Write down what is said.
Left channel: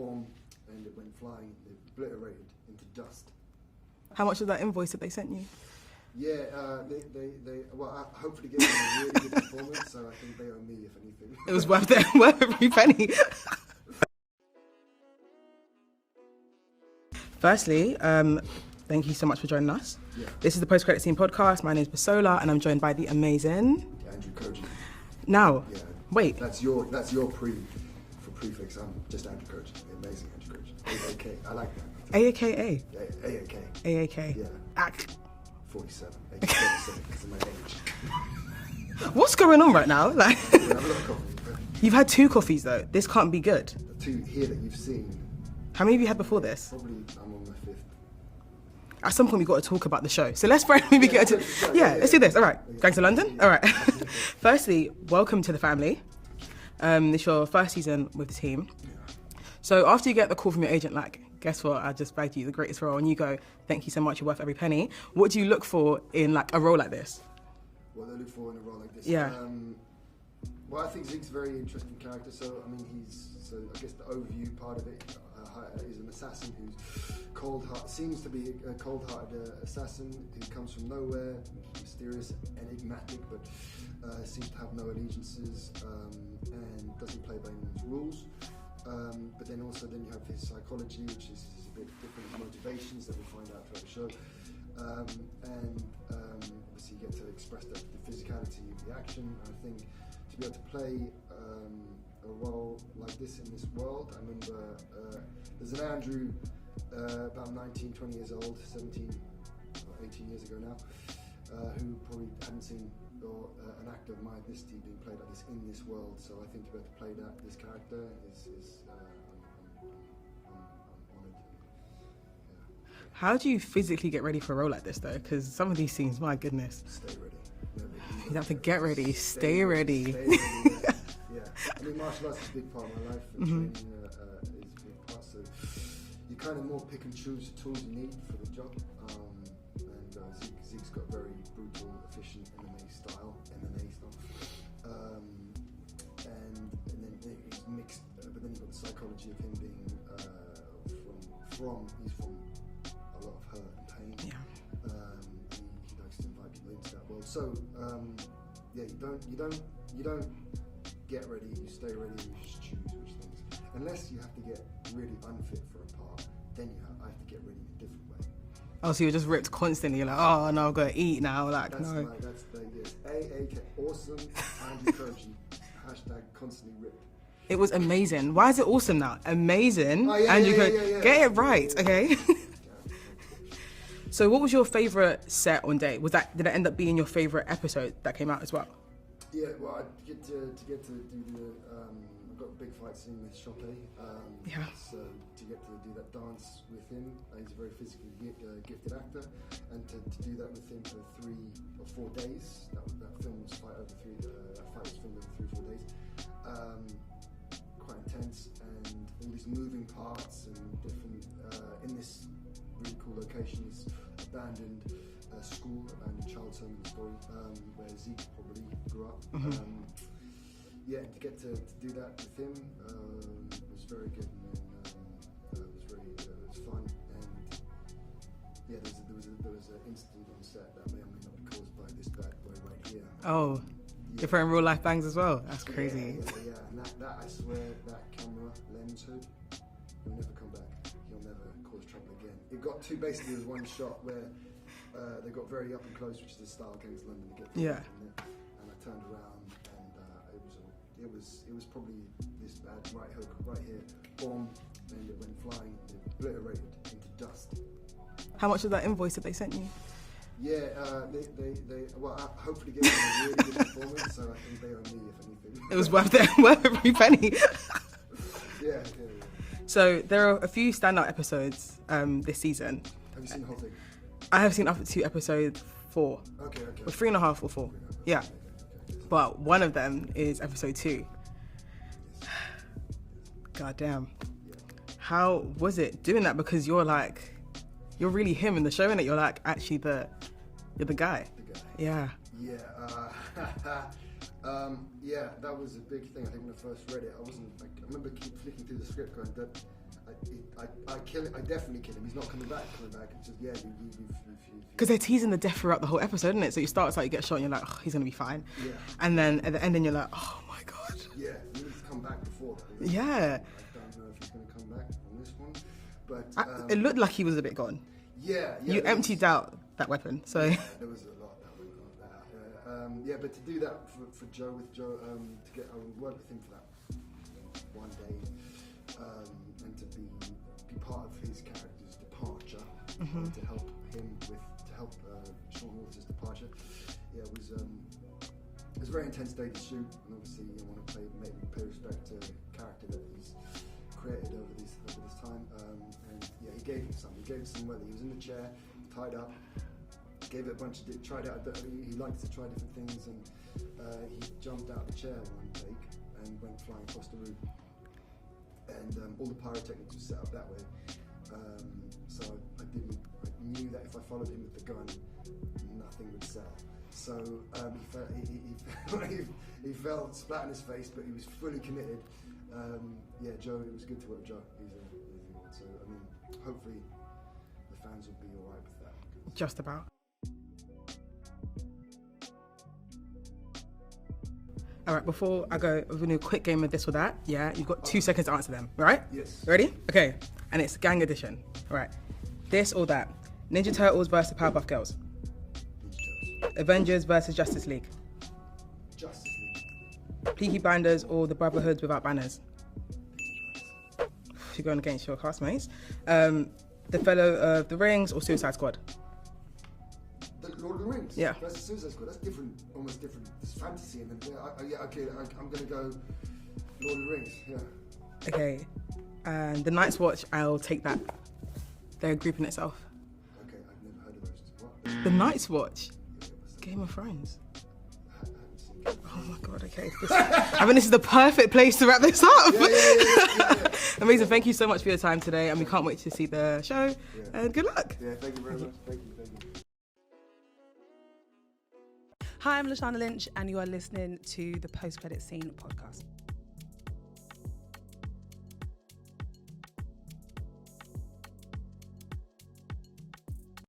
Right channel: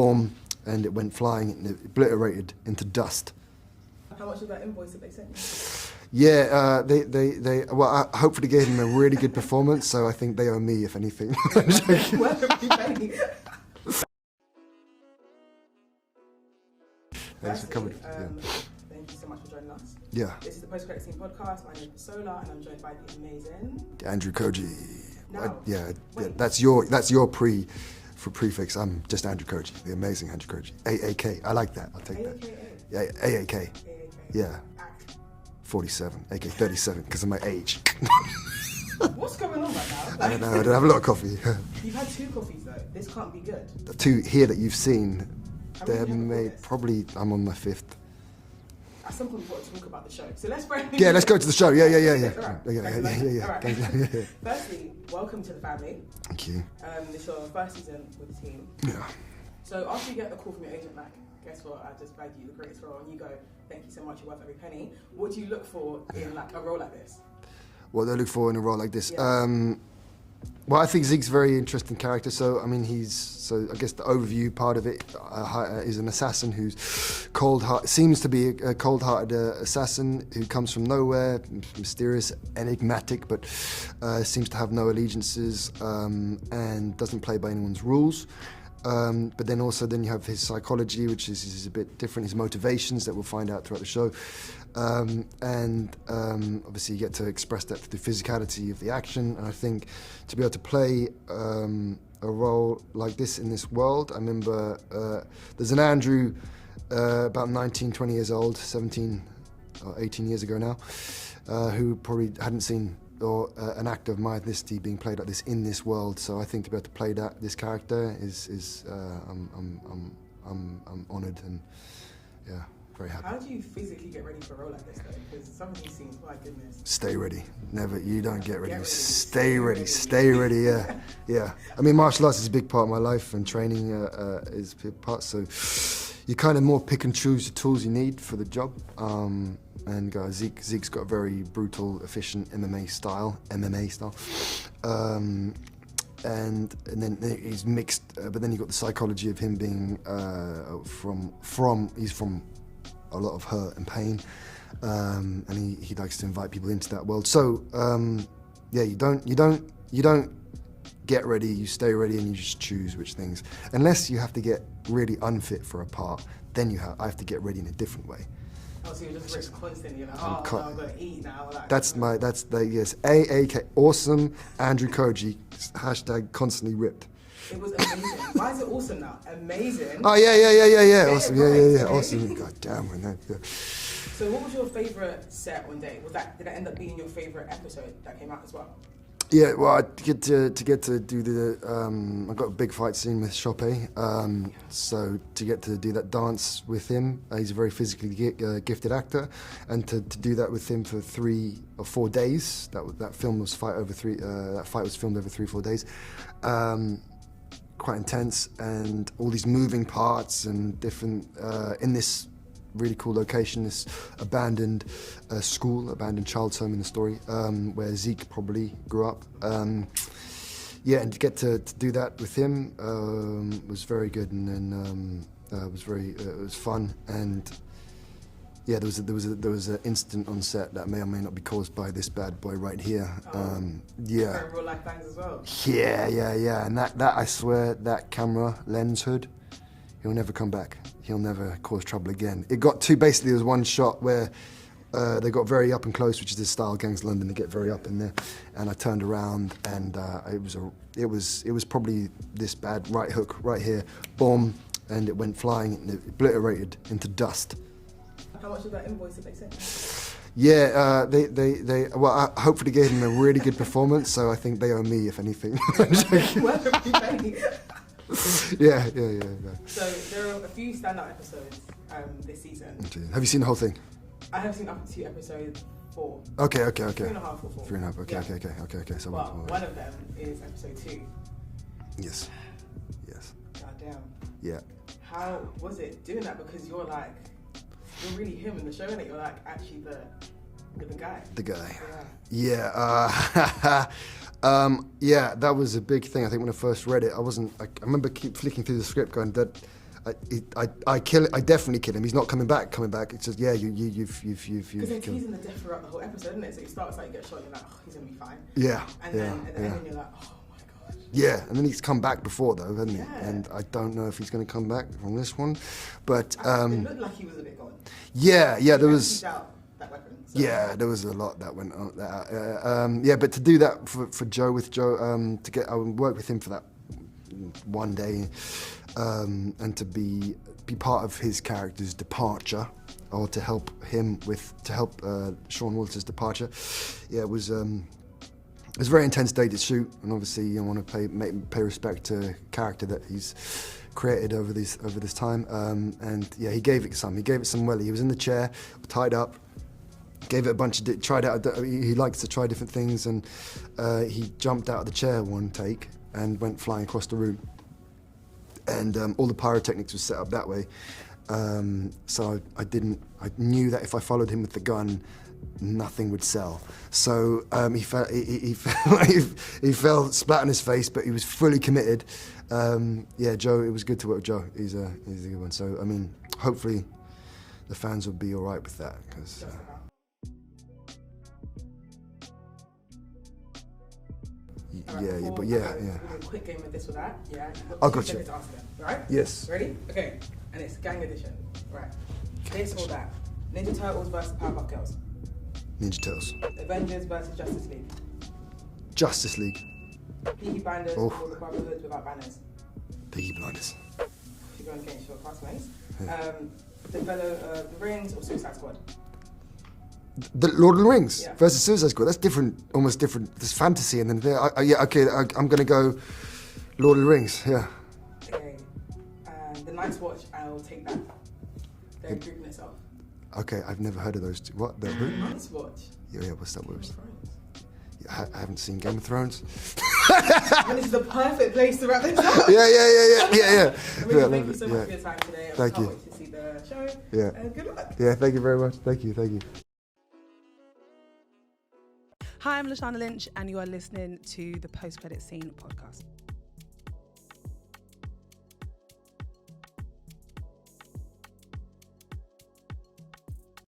boom, and it went flying and it obliterated into dust. How much was that invoice that they sent you? Yeah, I hopefully gave them a really good performance, so I think they owe me, if anything. It was worth every penny. Firstly, thank you so much for joining us. Yeah. This is the Post-Credit Scene podcast. My name is Bisola, and I'm joined by the amazing Andrew Koji. Now, yeah. Wait. That's your prefix. I'm just Andrew Koji, the amazing Andrew Koji. AAK. I like that. AAKA. Yeah, AAK. AAK. Yeah. 47, AK 37, because of my age. What's going on right now? Like, I don't have a lot of coffee. You've had 2 coffees though. This can't be good. The 2 here that you've seen. How many have you had before this? Probably, I'm on my 5th. At some point, we've got to talk about the show. So let's let's go to the show. Let's do this. All right. Yeah, Going to London? yeah. All right. Firstly, welcome to the family. Thank you. This is your first season with the team. Yeah. So after you get the call from your agent, like, guess what? I just bagged you the greatest role, and you go, thank you so much, you're worth every penny. What do you look for in like a role like this? What do I look for in a role like this? Yeah. Well, I think Zeke's a very interesting character. So, I mean, I guess the overview part of it is an assassin who's seems to be a cold-hearted assassin who comes from nowhere, mysterious, enigmatic, but seems to have no allegiances and doesn't play by anyone's rules. But then you have his psychology, which is a bit different, his motivations that we'll find out throughout the show. Obviously you get to express that through the physicality of the action. And I think to be able to play a role like this in this world, I remember there's an Andrew about 19, 20 years old, 17 or 18 years ago now, who probably hadn't seen an actor of my ethnicity being played like this in this world. So I think to be able to play this character is I'm honoured and yeah, very happy. How do you physically get ready for a role like this though? Because some of these scenes, my goodness. Stay ready. You don't get ready. Stay ready. Stay ready. Yeah, yeah. I mean, martial arts is a big part of my life, and training is a big part. So you kind of more pick and choose the tools you need for the job. And Zeke's got a very brutal, efficient MMA style. And then he's mixed, but then you've got the psychology of him being he's from a lot of hurt and pain, and he likes to invite people into that world. So yeah, you don't get ready, you stay ready, and you just choose which things. Unless you have to get really unfit for a part, then I have to get ready in a different way. Oh, so you're just ripped constantly. You're like, oh, no, I've got to eat now. Like, yes, AAK, awesome Andrew Koji, # constantly ripped. It was amazing. Why is it awesome now? Amazing. Oh yeah. Get awesome. it right. Yeah, okay. Awesome. God damn, we know. Yeah. So, what was your favorite set on day? Did it end up being your favorite episode that came out as well? Yeah, well, I get to do the. I got a big fight scene with Chopé. So to get to do that dance with him, he's a very physically gifted actor, and to do that with him for 3 or 4 days. That film was that fight was filmed over 3 or 4 days. Quite intense, and all these moving parts and different in this really cool location, this abandoned abandoned child's home in the story, where Zeke probably grew up. Yeah, and to get to do that with him was very good, and then it was fun. And yeah, there was an incident on set that may or may not be caused by this bad boy right here. Oh, yeah. Different real life bangs as well. Yeah, and that I swear, that camera lens hood, he'll never come back. He'll never cause trouble again. It got to, basically there was one shot where they got very up and close, which is the style Gangs London, they get very up in there. And I turned around, and it was probably this bad, right hook right here, boom, and it went flying and it obliterated into dust. How much of that invoice that they sent you? Yeah, I hopefully gave them a really good performance, so I think they owe me, if anything. It was worth every penny. Yeah. So there are a few standout episodes this season. Have you seen the whole thing? I have seen up to episode 4. Okay. 3.5 or 4. 3.5. Okay, yeah. Okay. So but one of them is episode 2. Yes. God damn. Yeah. How was it doing that? Because you're really him in the show, innit? You're like actually you're the guy. The guy. Yeah. Yeah. Yeah, that was a big thing. I think when I first read it, I remember keep flicking through the script going, that I definitely kill him. He's not coming back. It's just you've. Because they're teasing the death throughout the whole episode, isn't it? So you start, it's like you get shot and you're like, oh, he's gonna be fine. Yeah. And then at the end, you're like, oh my god. Yeah, and then he's come back before though. And I don't know if he's going to come back from this one, but it looked like he was a bit gone. Yeah. You emptied out that weapon. So. Yeah, there was a lot that went on. But to do that for Joe, I worked with him for that one day, and to be part of his character's departure, or to help Sean Walter's departure. Yeah, it was a very intense day to shoot, and obviously you want to pay respect to the character that he's created over this time. And yeah, he gave it some well. He was in the chair, tied up. Gave it a bunch of tried out. He likes to try different things, and he jumped out of the chair one take and went flying across the room. And all the pyrotechnics was set up that way. So I knew that if I followed him with the gun, nothing would sell. So he fell splat on his face, but he was fully committed. Joe, it was good to work with Joe. He's a good one. So I mean, hopefully the fans will be all right with that. Just about. All right, before I go, we're going to do a quick game of this or that. Yeah, you've got 2 seconds to answer them, right? Yes. Ready? Okay, and it's gang edition. All right. This or that. Ninja Turtles versus Powerpuff Girls. Ninja Turtles. Avengers versus Justice League. Justice League. Peaky Blinders or the Brotherhood without banners. Peaky Blinders. You're going against your classmates. The Fellow of the Rings or Suicide Squad. The Lord of the Rings versus Suicide Squad. That's different, almost different. There's fantasy and then I'm gonna go Lord of the Rings. Yeah. Okay, and the Night's Watch. I'll take that. They're a group in itself. Okay, I've never heard of those two. What? The Night's Watch. Yeah. What's that? Game of Thrones. I haven't seen Game of Thrones. I mean, this is the perfect place to wrap this up. Yeah. Amazing. Thank you so much for your time today, and we can't wait to see the show. Yeah. And good luck. Yeah. Thank you very much. Thank you. Hi, I'm Lashana Lynch, and you are listening to the Post Credit Scene podcast.